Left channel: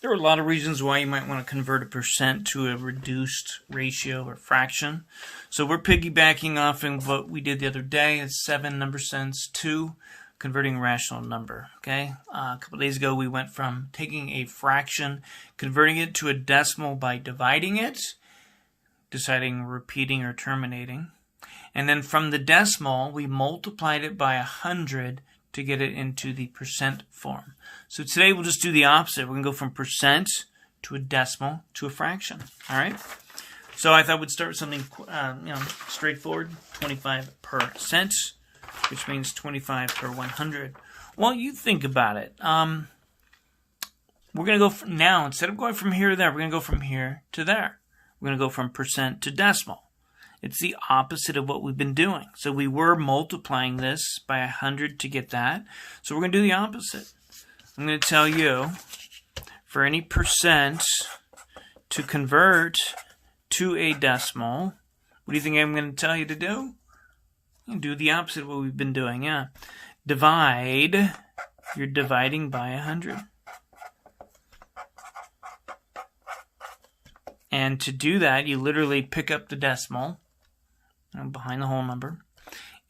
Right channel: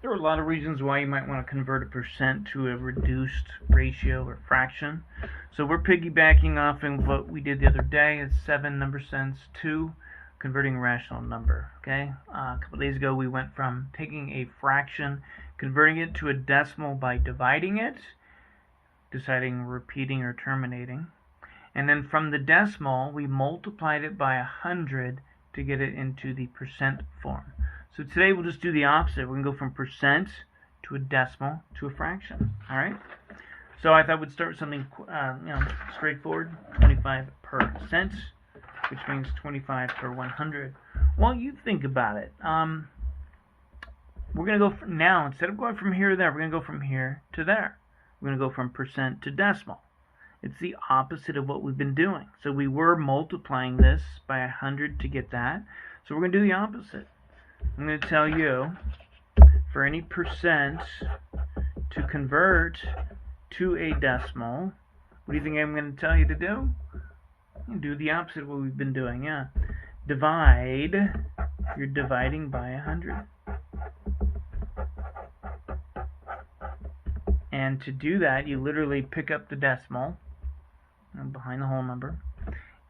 There are a lot of reasons why you might want to convert a percent to a reduced ratio or fraction. So we're piggybacking off of what we did the other day. It's 7.NS.2, converting a rational number. Okay, a couple days ago we went from taking a fraction, converting it to a decimal by dividing it, deciding repeating or terminating, and then from the decimal we multiplied it by 100 to get it into the percent form. So today we'll just do the opposite. We're going to go from percent to a decimal to a fraction. All right. So I thought we'd start with something straightforward. 25%, which means 25 per 100. Well, you think about it. We're going to go from now, instead of going from here to there, we're going to go from here to there. We're going to go from percent to decimal. It's the opposite of what we've been doing. So we were multiplying this by 100 to get that. So we're going to do the opposite. I'm going to tell you, for any percent to convert to a decimal, what do you think I'm going to tell you to do? Do the opposite of what we've been doing, yeah. Divide, you're dividing by 100. And to do that, you literally pick up the decimal behind the whole number,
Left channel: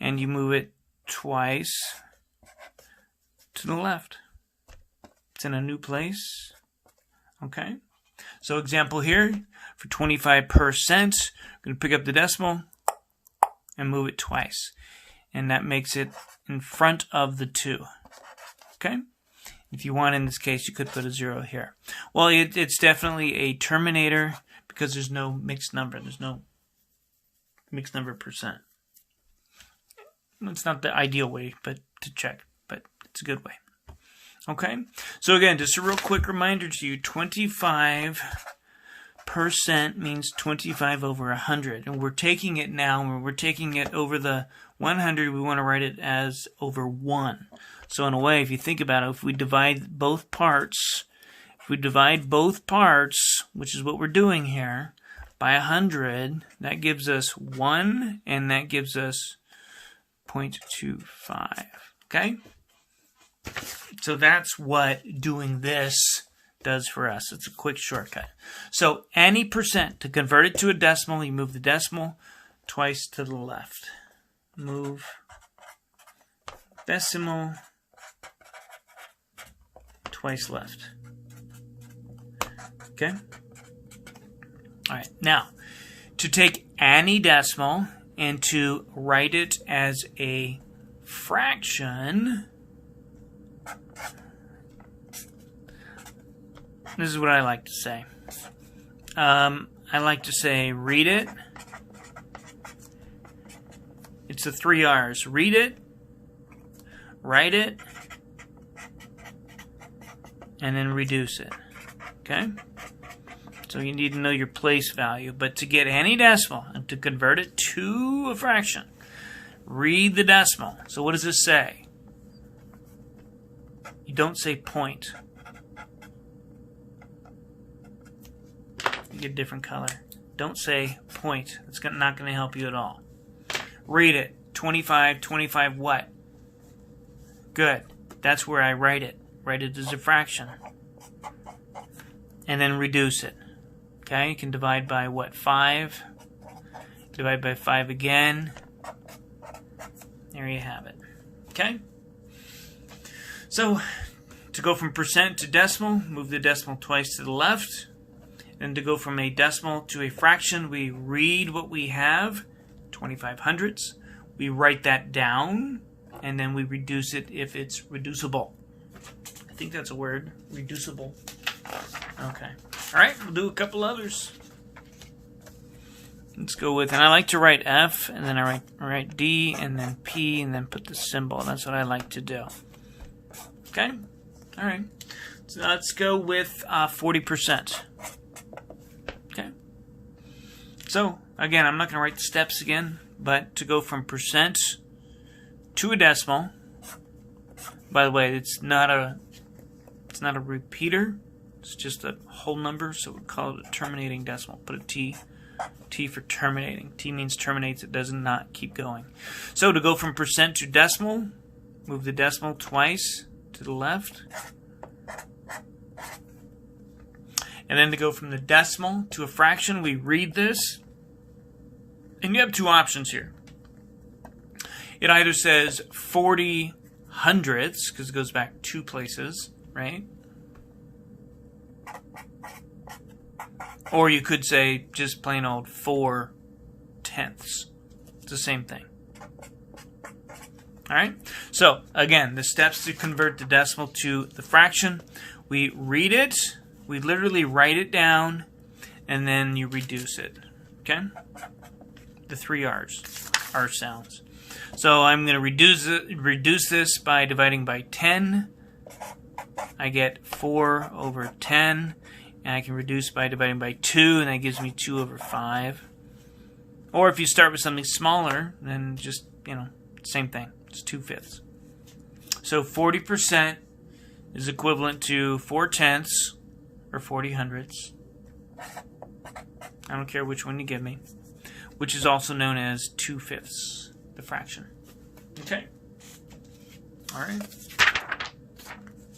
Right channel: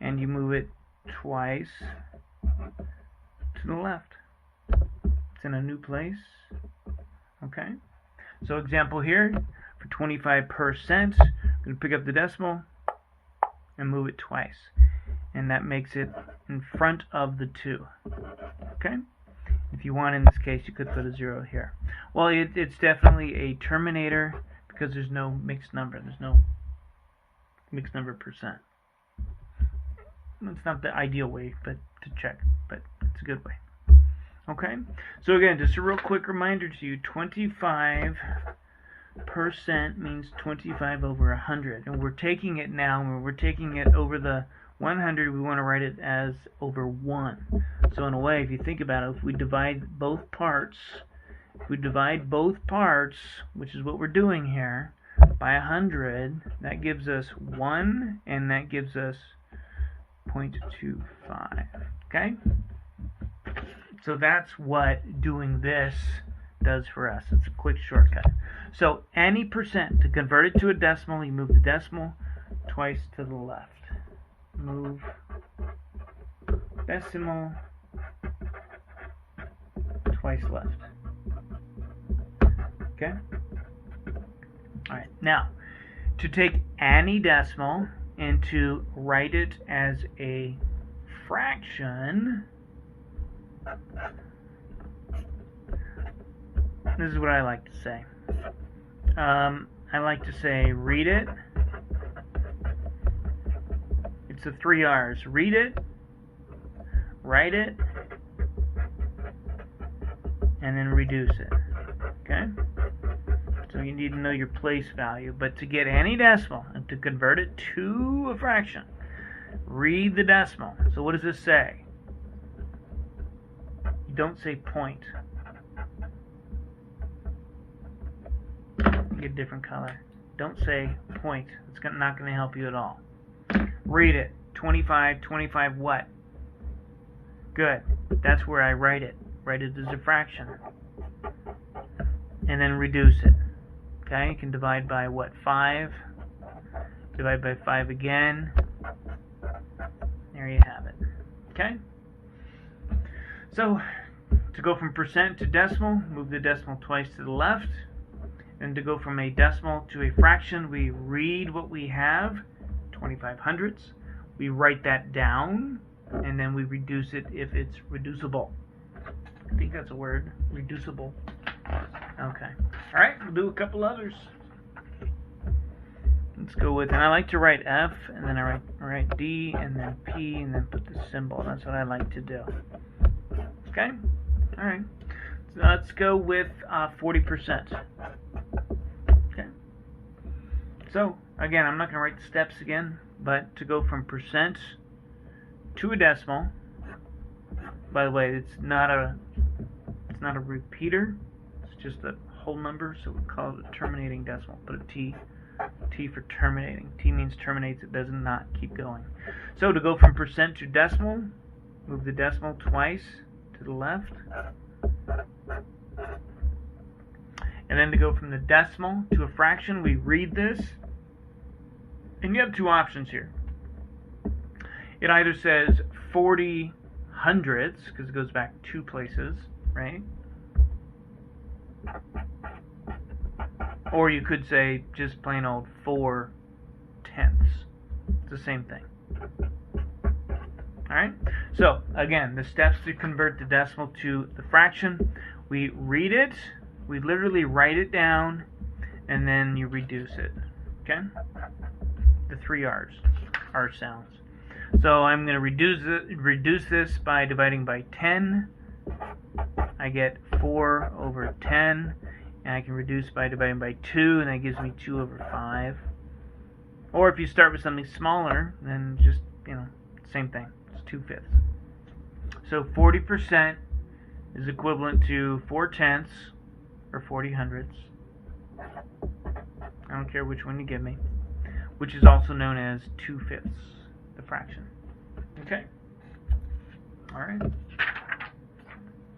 and you move it twice to the left. It's in a new place. Okay. So example here, for 25%, I'm going to pick up the decimal and move it twice. And that makes it in front of the 2. Okay. If you want, in this case, you could put a 0 here. Well, it's definitely a terminator because there's no mixed number. There's no mixed number percent. It's not the ideal way to check, but it's a good way. Okay, so again, just a real quick reminder to you, 25% means 25 over 100. And we're taking it now, when we're taking it over the 100, we want to write it as over 1. So in a way, if you think about it, if we divide both parts, which is what we're doing here, by 100, that gives us 1, and that gives us 0.25. Okay? So that's what doing this does for us. It's a quick shortcut. So any percent, to convert it to a decimal, you move the decimal twice to the left. Move decimal twice left. Okay? All right. Now, to take any decimal and to write it as a fraction, this is what I like to say. I like to say read it. It's the 3 R's. Read it, write it, and then reduce it. Okay? So you need to know your place value. But to get any decimal and to convert it to a fraction, read the decimal. So what does this say? You don't say point. Get a different color. Don't say point. It's not going to help you at all. Read it. 25 what? Good. That's where I write it. Write it as a fraction. And then reduce it. Okay, you can divide by what? 5. Divide by 5 again. There you have it. Okay? So, to go from percent to decimal, move the decimal twice to the left. And to go from a decimal to a fraction, we read what we have, 25 hundredths. We write that down, and then we reduce it if it's reducible. I think that's a word, reducible. Okay. All right, we'll do a couple others. Let's go with, and I like to write F, and then I write D, and then P, and then put the symbol. That's what I like to do. Okay? All right. So let's go with 40%. Okay. So, again, I'm not going to write the steps again, but to go from percent to a decimal, by the way, it's not a repeater. It's just a whole number, so we call it a terminating decimal. Put a T. T for terminating. T means terminates. It does not keep going. So to go from percent to decimal, move the decimal twice to the left. And then to go from the decimal to a fraction, we read this. And you have two options here. It either says 40 hundredths, because it goes back two places, right? Or you could say just plain old 4 tenths. It's the same thing. All right? So, again, the steps to convert the decimal to the fraction. We read it. We literally write it down. And then you reduce it. Okay? The 3 R's. R sounds. So I'm going to reduce this by dividing by 10. I get 4 over 10. And I can reduce by dividing by 2, and that gives me 2 over 5. Or if you start with something smaller, then just, same thing. It's 2/5. So 40% is equivalent to 4 tenths, or 40 hundredths. I don't care which one you give me. Which is also known as 2/5, the fraction. Okay? All right.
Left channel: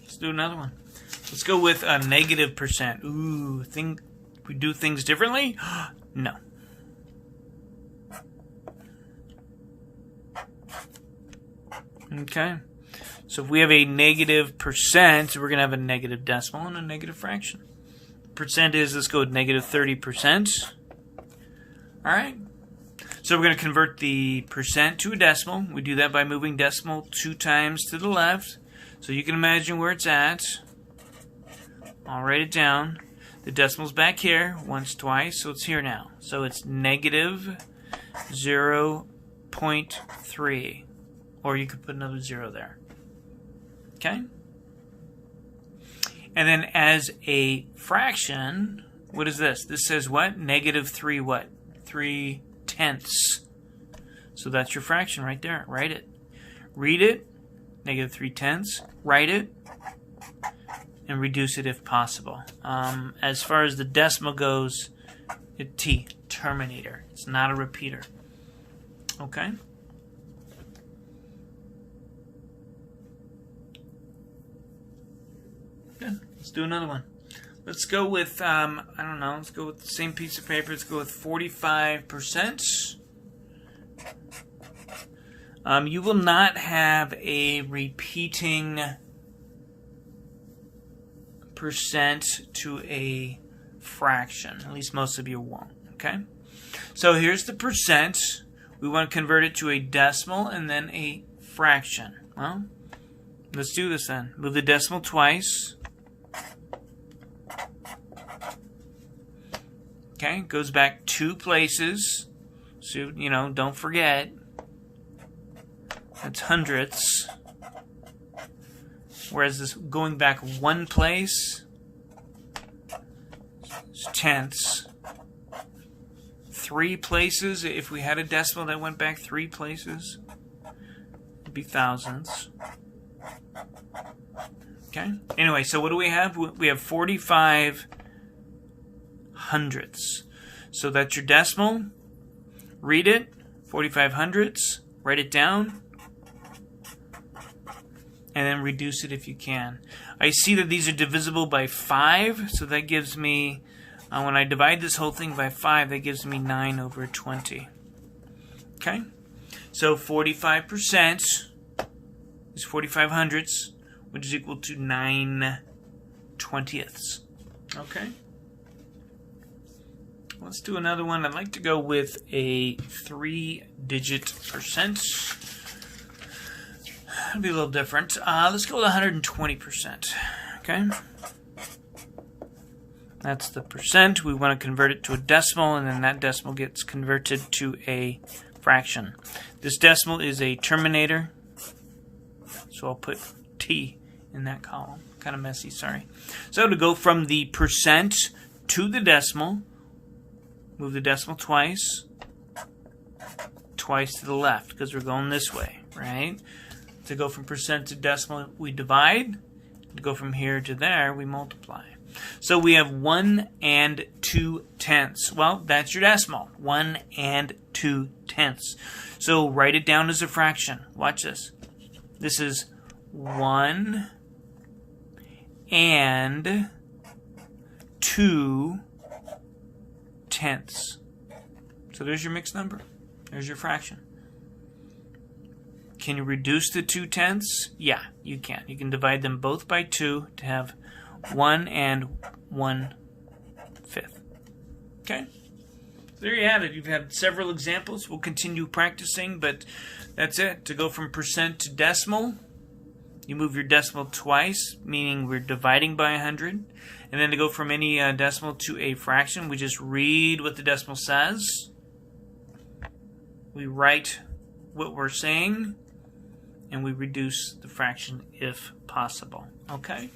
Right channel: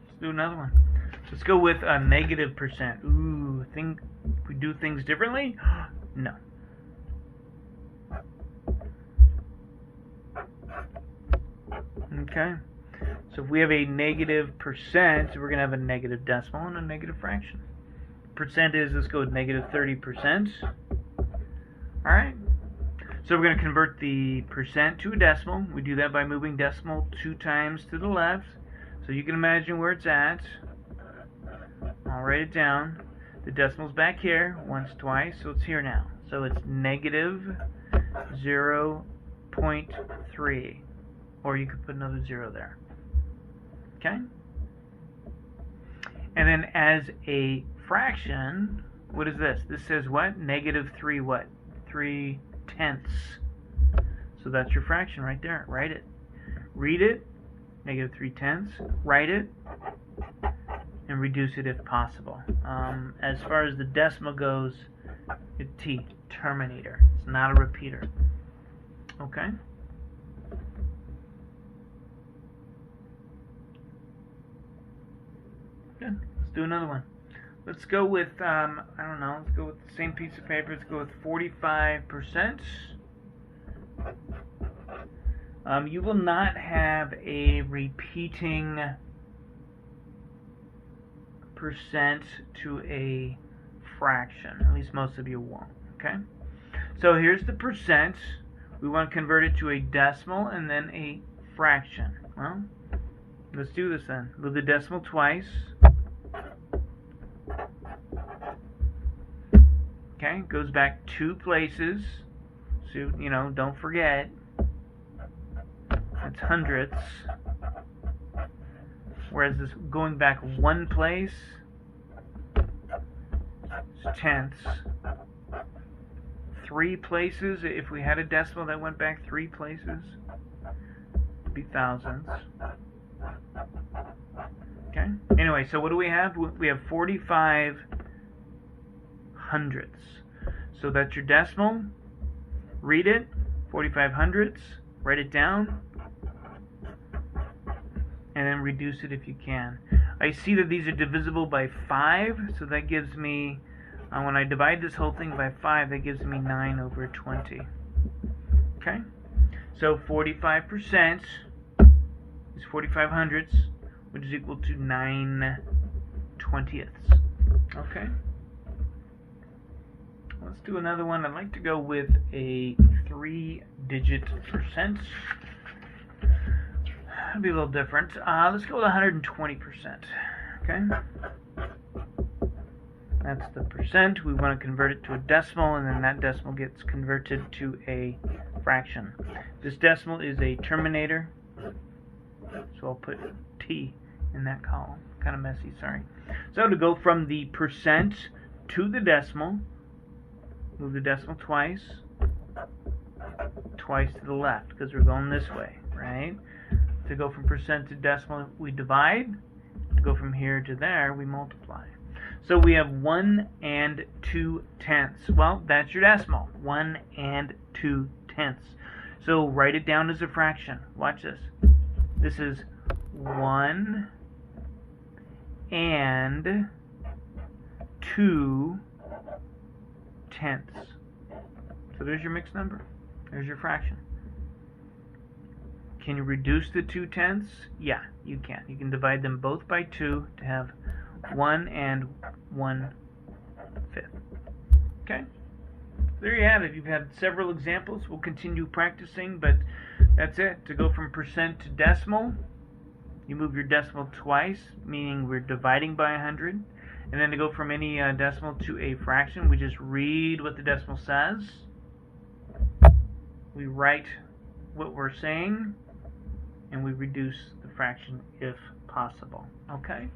Let's do another one. Let's go with a negative percent. Ooh, think we do things differently? No. Okay. So if we have a negative percent, we're going to have a negative decimal and a negative fraction. Percent is, let's go with negative 30%. All right. So we're going to convert the percent to a decimal. We do that by moving decimal 2 times to the left. So you can imagine where it's at. I'll write it down. The decimal's back here once, twice, so it's here now. So it's negative 0.3. Or you could put another 0 there. Okay? And then as a fraction, what is this? This says what? Negative 3 what? 3 tenths. So that's your fraction right there. Write it. Read it. Negative 3 tenths. Write it. And reduce it if possible. As far as the decimal goes, T, terminator. It's not a repeater. Okay? Good. Let's do another one. Let's go with, I don't know, let's go with the same piece of paper. Let's go with 45%. You will not have a repeating percent to a fraction. At least most of you won't. Okay? So here's the percent. We want to convert it to a decimal and then a fraction. Well, let's do this then. Move the decimal twice. Okay, goes back 2 places. So, don't forget. It's hundredths. Whereas this going back 1 place is tenths. 3 places, if we had a decimal that went back 3 places, it'd be thousandths. Okay? Anyway, so what do we have? We have 45 hundredths. So that's your decimal. Read it. 45 hundredths. Write it down. And then reduce it if you can. I see that these are divisible by 5. So that gives me, when I divide this whole thing by 5, that gives me 9 over 20. Okay? So 45% is 45 hundredths, which is equal to 9 20ths. Okay? Let's do another one. I'd like to go with a 3-digit percent. It'll be a little different. Let's go with 120%. Okay? That's the percent. We want to convert it to a decimal, and then that decimal gets converted to a fraction. This decimal is a terminator, so I'll put T in that column. Kind of messy, sorry. So to go from the percent to the decimal, move the decimal twice to the left, because we're going this way, right? To go from percent to decimal, we divide. To go from here to there, we multiply. So we have 1 and 2 tenths. Well, that's your decimal. 1 and 2 tenths. So write it down as a fraction. Watch this. This is 1 and 2 tenths. So there's your mixed number. There's your fraction. Can you reduce the 2 tenths? Yeah, you can. You can divide them both by 2 to have 1 and 1/5. Okay? There you have it. You've had several examples. We'll continue practicing, but that's it. To go from percent to decimal, you move your decimal twice, meaning we're dividing by 100. And then to go from any decimal to a fraction, we just read what the decimal says. We write what we're saying, and we reduce the fraction if possible. Okay?